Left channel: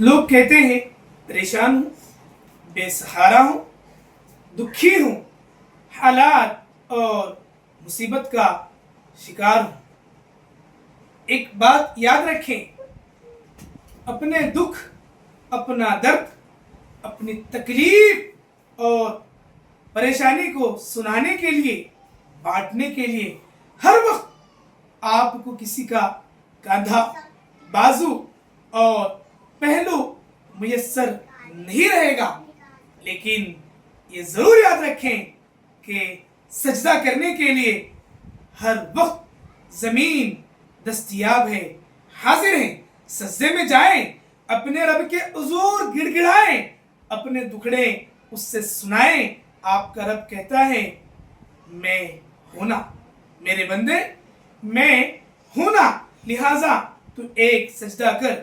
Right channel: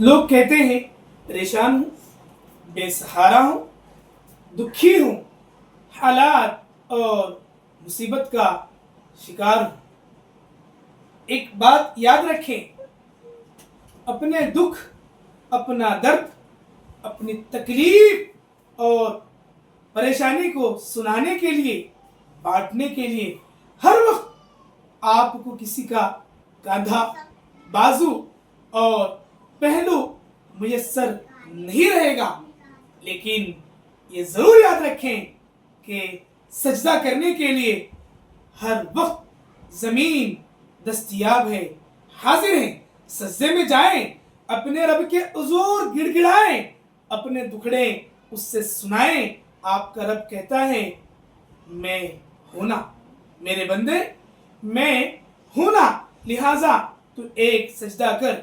लोग कहते हैं परेशान हूँ, बेसहारा हूँ, दुखी हूँ, हालात और मुसीबत का शिकार हूँ। एक बात याद रखें, अपने दुख, अपना दर्द, अपनी तकलीफ और परेशानी को सुनाने के लिए, बांटने के लिए हर वक्त आपको किसी का कंधा, बाजू और पहलू मुयस्सर नहीं रहेगा। लेकिन ये जरूर याद रखें कि सजदा करने के लिए हर वक्त जमीन दस्तयाब है, हाजिर है। सजदे में जाएं, अपने रब के हुजूर गिड़गिड़ाएं, अपने दुखड़े उससे सुनाएं। आपका रब कहता है, मैं हूं ना मेरे बंदे, मैं हूं ना, लिहाजा तू एक सजदा कर,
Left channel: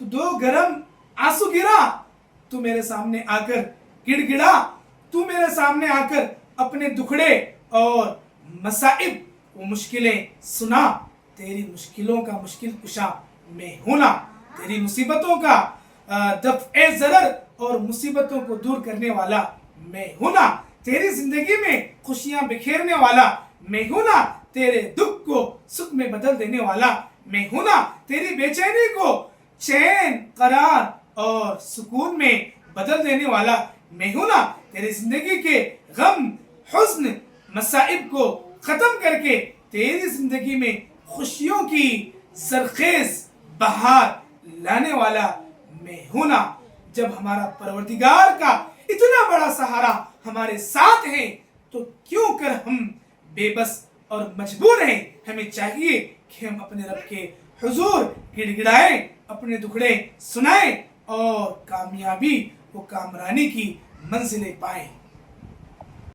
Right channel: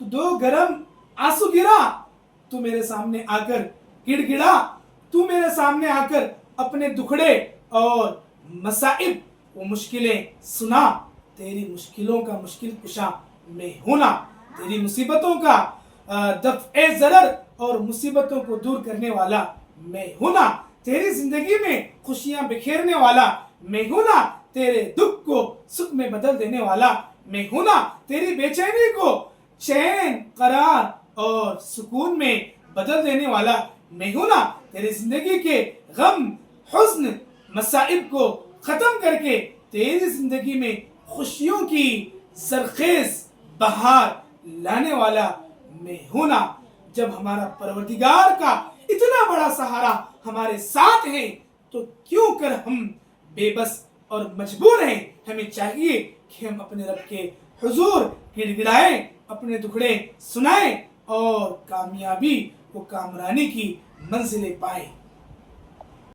तू दो गरम आंसू गिरा, तू मेरे सामने आकर गिड़गिड़ा, तू मेरे सामने आकर अपने दुखड़े और मसाइब वो मुश्किलें सुना। तेरी मुश्किलों का मुश्किल कुशा मैं हूं ना, तेरी मुसीबतों का दफ़्ए ज़रर और मुसीबतों को दूर करने वाला मैं हूं ना, तेरी जिंदगी में खुशियां बिखेरने वाला मैं हूं ना, तेरे दुख को सुख में बदल देने वाला मैं हूं ना, तेरी बेचैनी को चैन, करार और सुकून में बदल देने वाला मैं हूं ना, तेरी जिंदगी के गम, हुस्न, मसाइब को खत्म करके तेरी जिंदगी में खुशियों की सरखेज बहार लाने वाला मैं हूं ना। जब हमारा परवरदिगार का इतना बड़ा सहारा हमारे साथ है तो क्यों कर हम बेबस और मजबूर हैं। हमें चाहिए कि हम अपने रब के हुजूर गिड़गिड़ाएं, अपने दुखड़े सुनाएं और कामयाबी वो कामरानी की मंजिलें पाएं।